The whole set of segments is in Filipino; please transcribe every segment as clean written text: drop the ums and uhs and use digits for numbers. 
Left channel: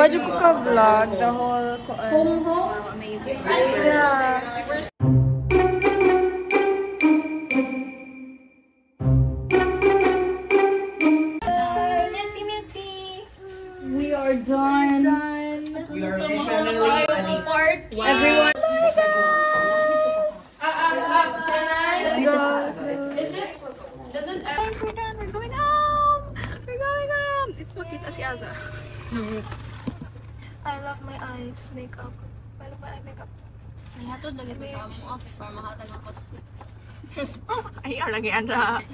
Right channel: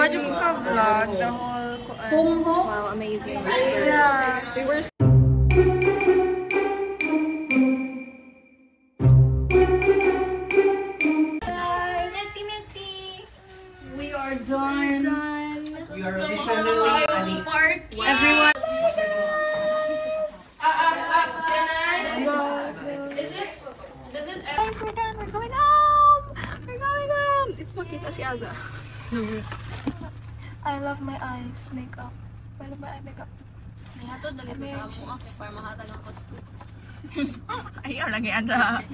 Why you vlog the whole wow, amazing. Yeah. We are done. We are officially part. Everyone. Guys, we're done. We're going home. We're going home. Ipakita si Aga. I love my eyes makeup. I love my eye makeup. Nihatod lang ito sa among off para mahatag ang cost. Ayaw lagi Andra.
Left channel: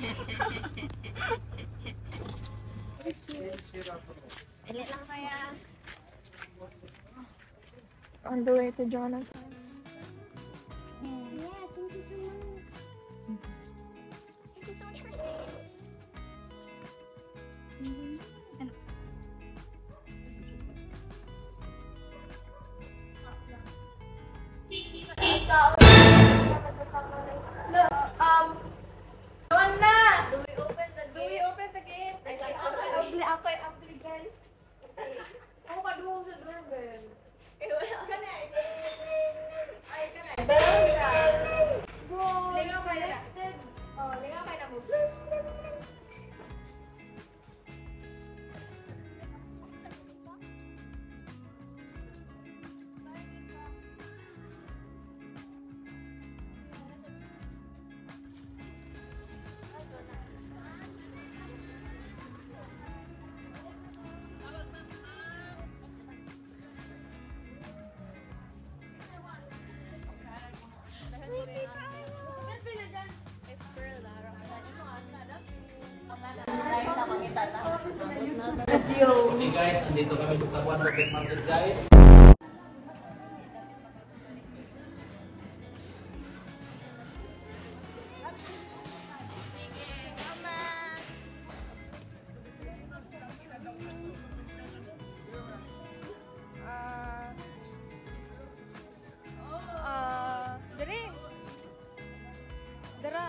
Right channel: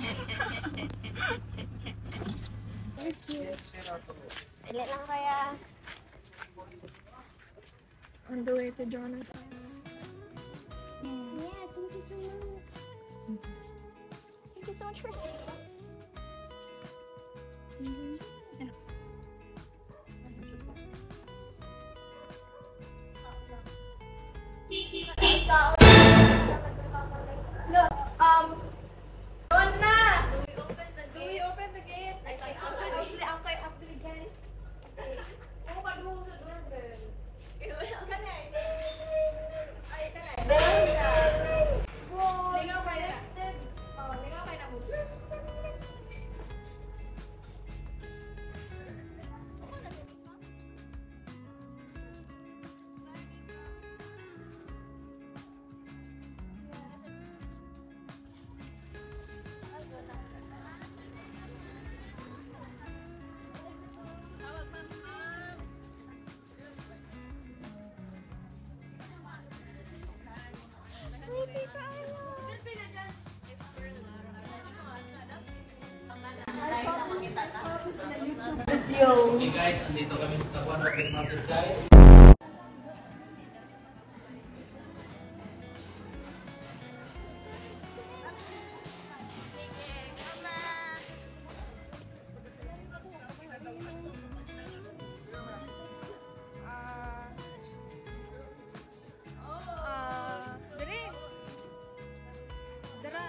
Dili lang kaya. On the way to Jonathan. Yeah, thank you so much. Thank you so much for this. No, one na. Do we open the gate? After guys. Oh, kaduong sa doorbell. Lingaw kayo na mo. Okay guys, nandito kami sa Taguan Rocket Mountain guys. Dara.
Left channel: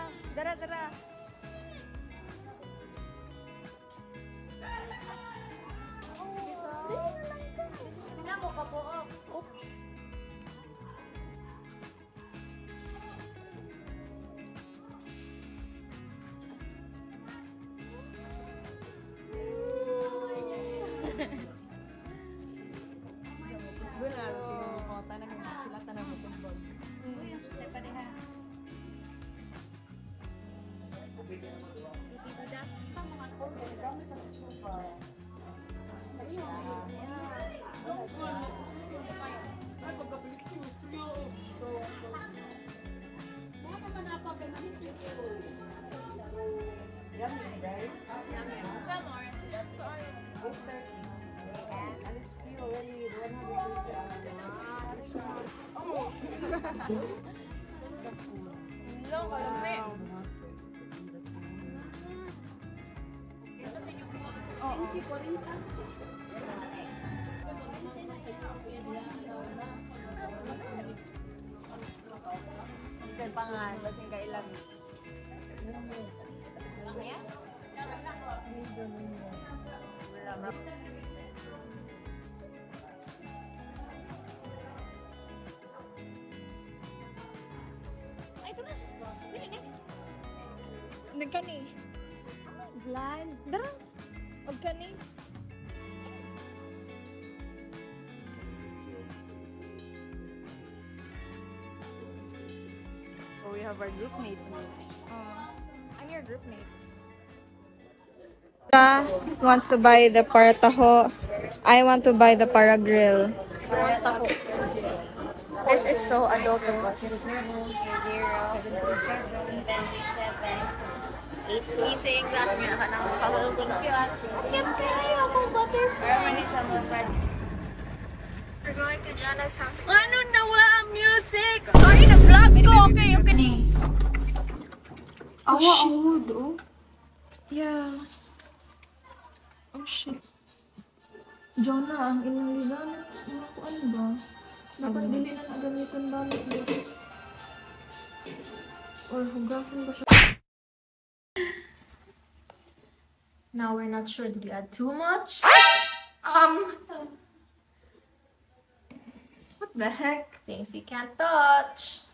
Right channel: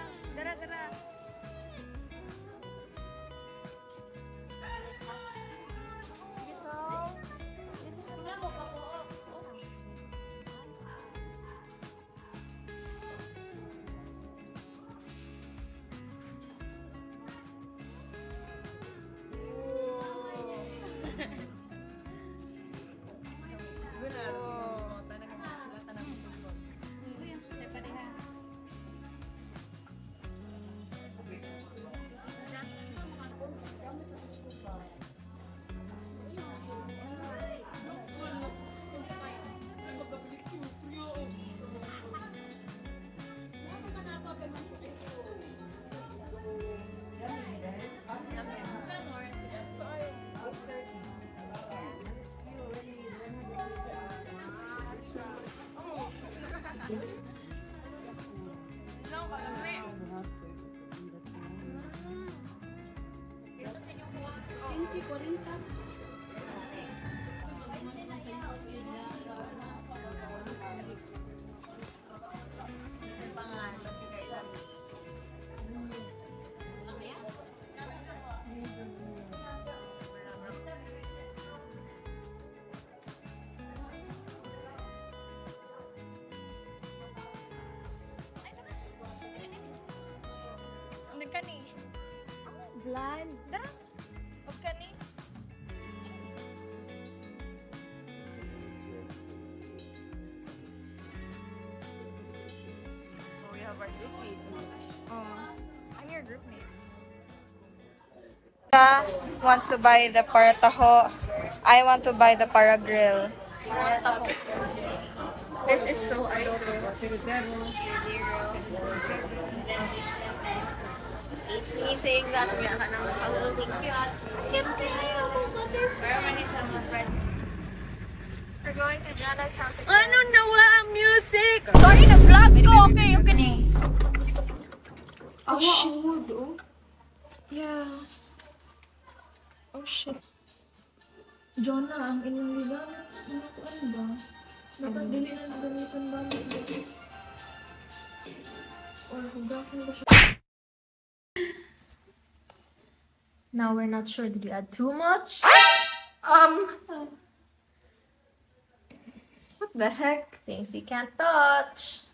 Nagkani. Blind. Dara. Nagkani. We have our group mate. I'm your group mate. Wants to buy the parataho. I want to buy the para grill. This is so adult of us. is missing that nga ka nang makasaluto na. We're going to Jana's house again. Ano nawa ang music? Sorry, nag-vlog ko. Okay, okay. Oh, shit. Yeah. Oh, shit. Jonah, ang ilang liganan. Ano ba? Dapat dili na nagamitan balik dito. Or hugasan ba siya? Now we're not sure. Did we add too much? What the heck? Things we can't touch.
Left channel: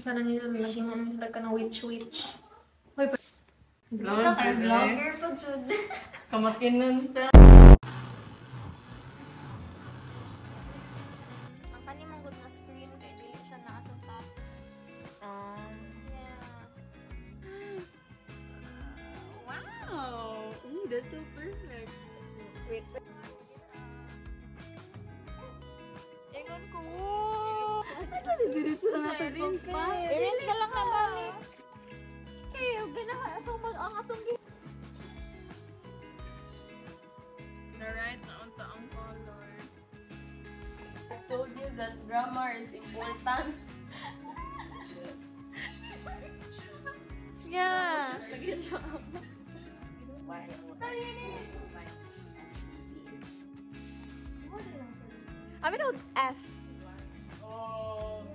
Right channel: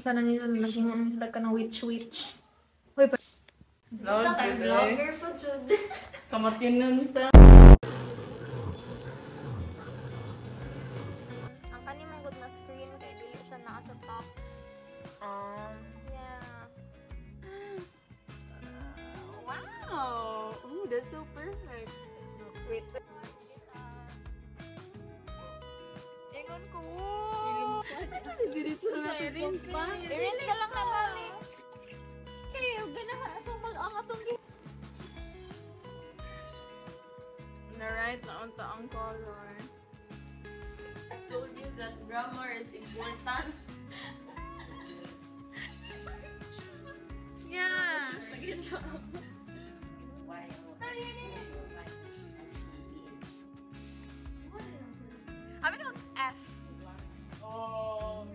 Sana nila nilagyan sila ka ng witch. Wait, Isa kay vlogger po, Jude. kamakinan ta. Ang kanilang na screen kay dili siya nakasapa. Wow! Ooh, that's so perfect. Wait. Ingon ko. Erins ka lang naman. Kaya, so mag-angatong Na-right na unta ang color. I told you that grammar is important. Yeah. I mean, F. Oh.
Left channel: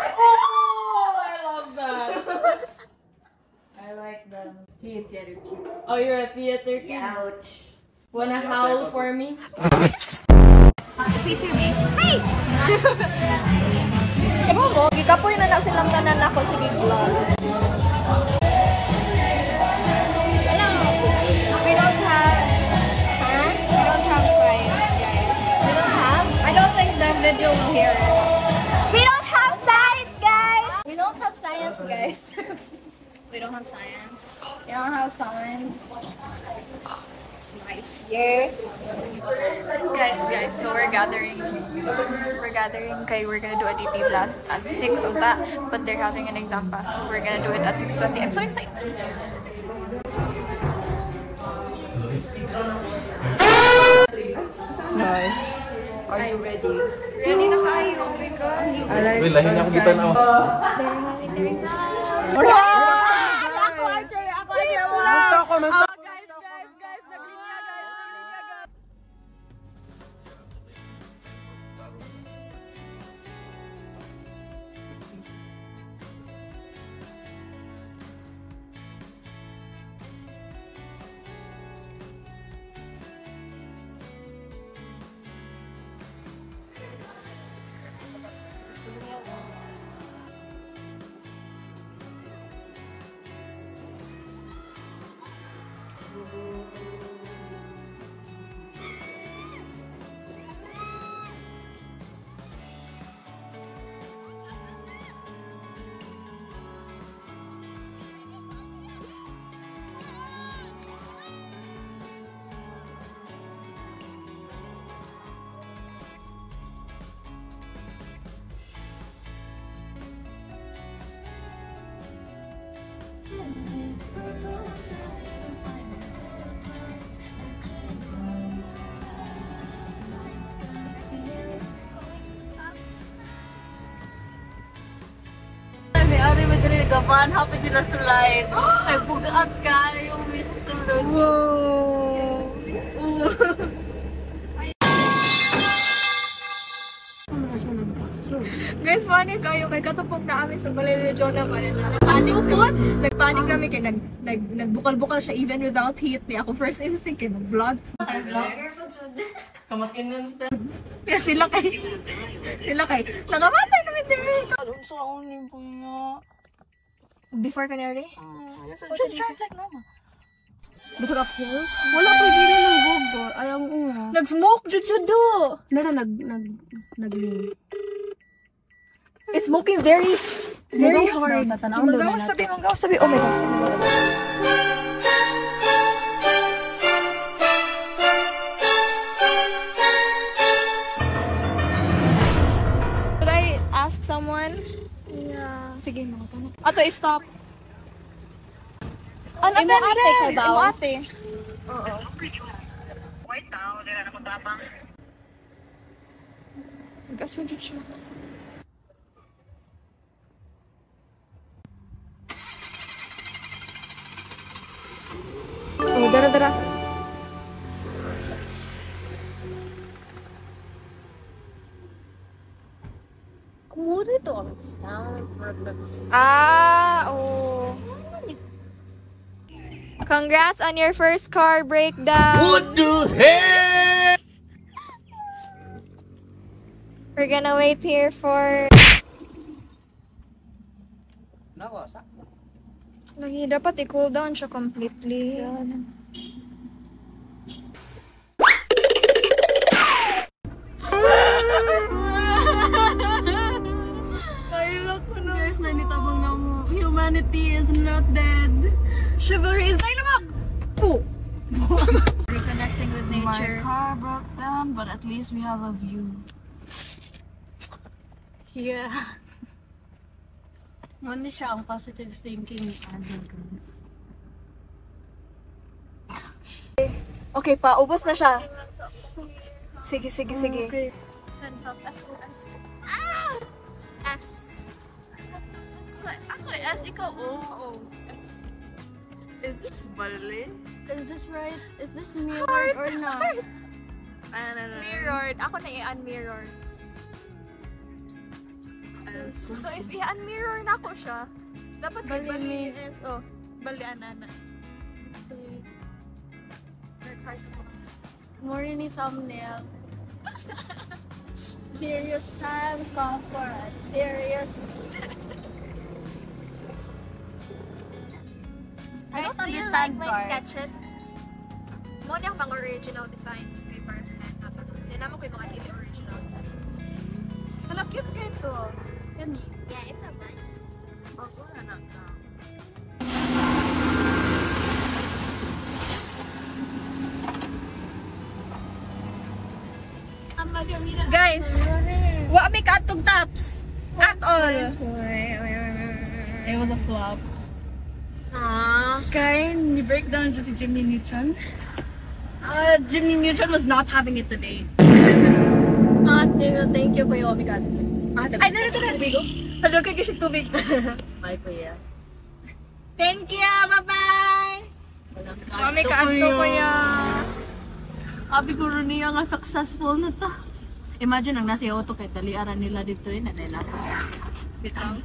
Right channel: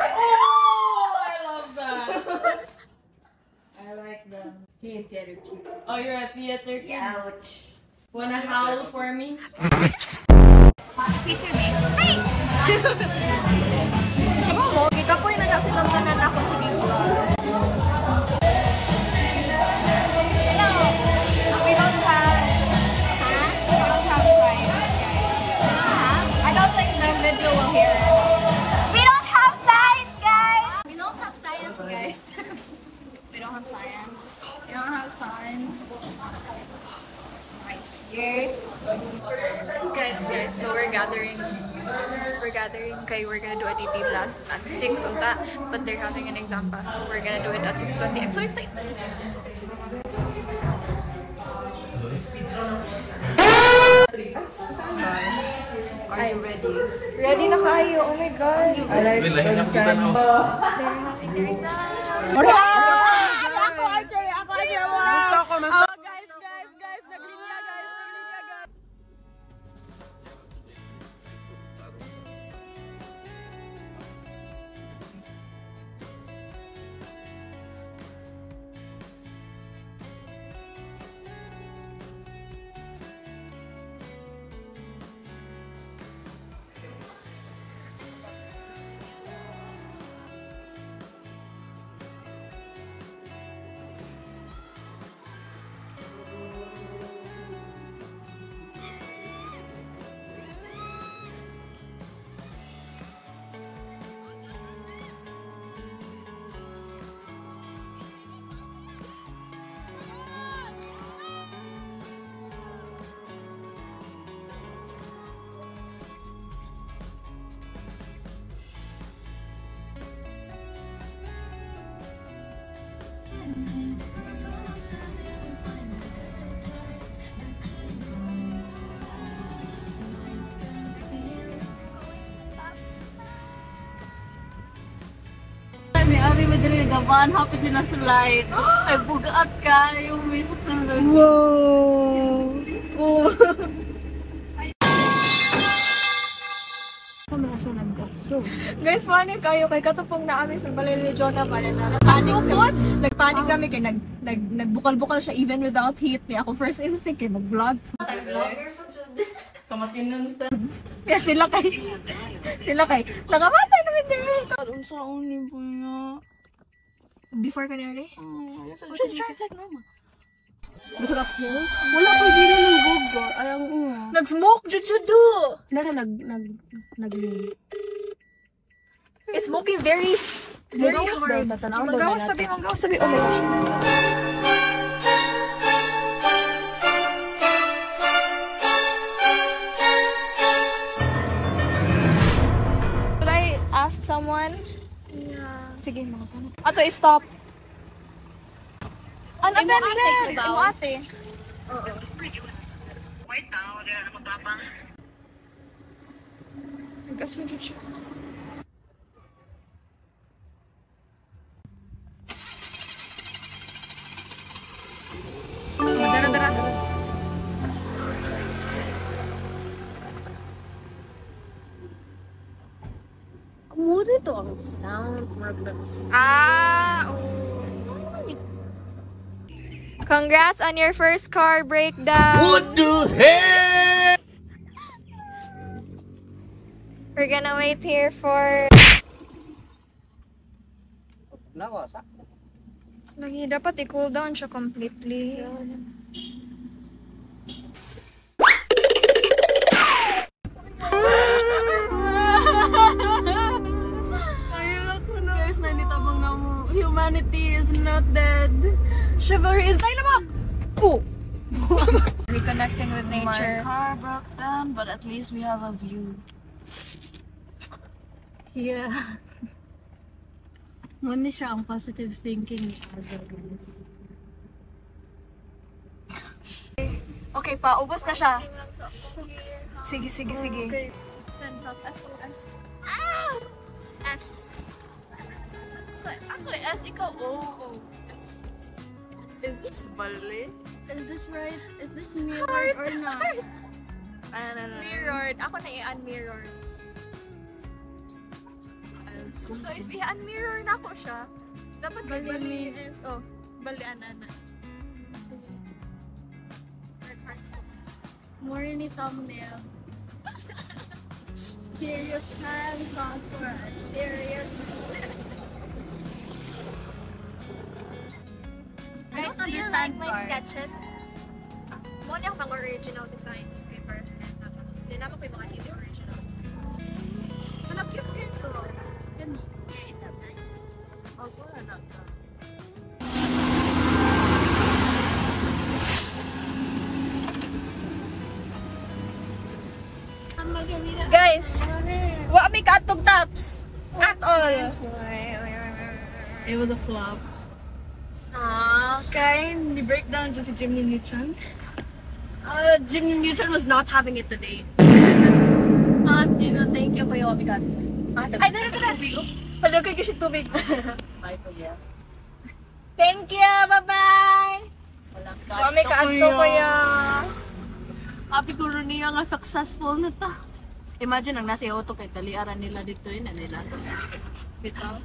I love that. I like them. Theater cute. Oh, you're a theater kid? Ouch. Wanna howl for me? Ikaw mo, gikapoy na na silang tanan ako sa this vlog. We don't have science, guys. We don't have? I don't think the video will hear it. We don't have science, guys! We don't have science, guys. We don't have science. We don't have science. It's nice. Yeah. Guys, so we're gathering. Okay, we're gonna do a DP blast at 6 on that, but they're having an exam pass, so we're gonna do it at 6:20. I'm so excited. Are you ready? Ready na kayo? Oh my God. I like consent. Gaban, happy din na sulay. Ay, bugat ka. Yung may susunod. Wow! Guys, funny kayo. Kay katupong na kami sa balay ni Jonah pala na. Nagpanic kami kay nagbukal-bukal siya even without heat. Niya ako first instinct kay mag-vlog. Vlogger po, Jude. Kamakinan ta. Kaya sila kay nakamatay namin dito. Sa uni po nga. Before canary? Just drive like normal. Basta ka po? Wala ko dito ng gugo. Alam ko nga. Nag-smoke, Jujudo! It's smoking very hard. Magawas tabi. Oh. someone? Yeah. Sige, mga tanong. Ato, stop. Ano ate? Ano ate? Oo. Wait now, di na naman dapat. Nag-asuli siya. Dara. Oh. Congrats on your first car breakdown. What the hell? We're gonna wait here for... Lagi, dapat i-cool down siya completely. Guys, nanitabang na humanity is not dead. Chivalry is dynamite! Ooh! Reconnecting with nature. My car broke down, but at least we have a view. Yeah. Muna siya ang positive thinking ni Aza, guys. Okay pa, ubos na siya. Sige. Okay. Send out SOS. S. Ako S, ikaw O. Is this Bali? Is this right? Is this mirrored or not? I don't know. Mirrored. Ako na i-unmirrored. So if i-unmirror na ako siya, dapat Bali is, oh, balian na. More in the thumbnail. Serious times calls for a serious. I don't understand my cars. sketches. Mo niya mga original designs kay para sa hand natin. Yan naman ko yung mga hindi original designs. Ano cute ito? Yan. Yeah, it's a nice. Ako na lang ka. Guys, wa mi katong tops at all. It was a flop. Kaya ni-breakdown dyan si Jimmy Neutron. Jimmy Neutron was not having it today. Thank you, Kuya Omikat. Ay, nalito na tubig. Hello, kay kisig tubig. Bye, Kuya. Thank you, bye-bye. Mami kaadto ko ya. Abi ko rin niya nga successful na ta. Imagine ang nasa auto kay daliaran nila dito yun. Nanay nato. Bitaw.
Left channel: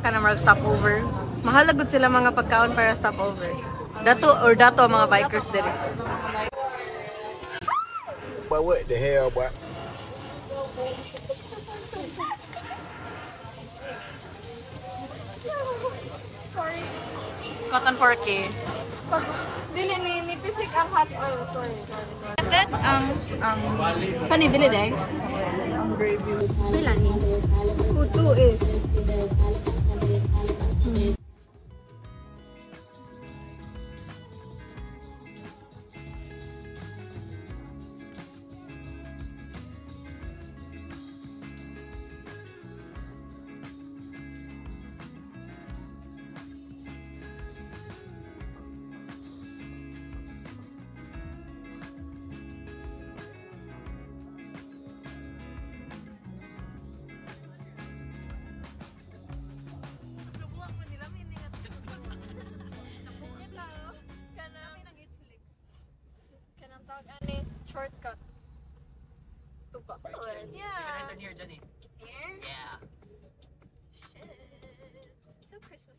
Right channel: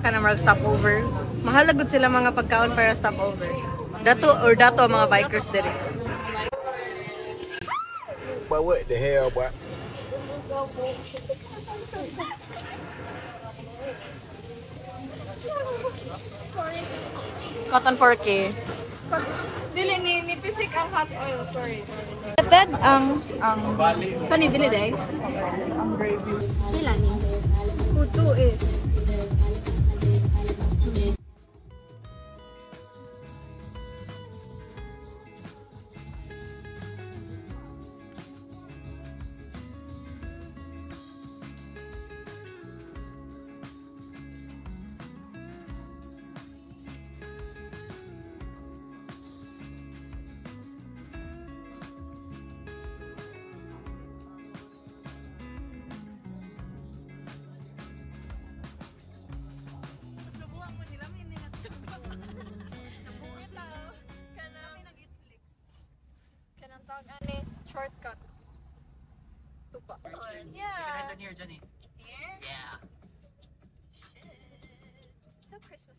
Kanang mag stopover. Mahalagot sila mga pagkaon para stopover. Dato mga bikers diri. But what the hell, boy? Cotton 4K. Dili ni pisik ang hot oil. Sorry. Dad, ang Kani dili day? pila ni? Kutu is. Shortcut. Tuba. Yeah. Here, Johnny. Here? Yeah. So Christmas.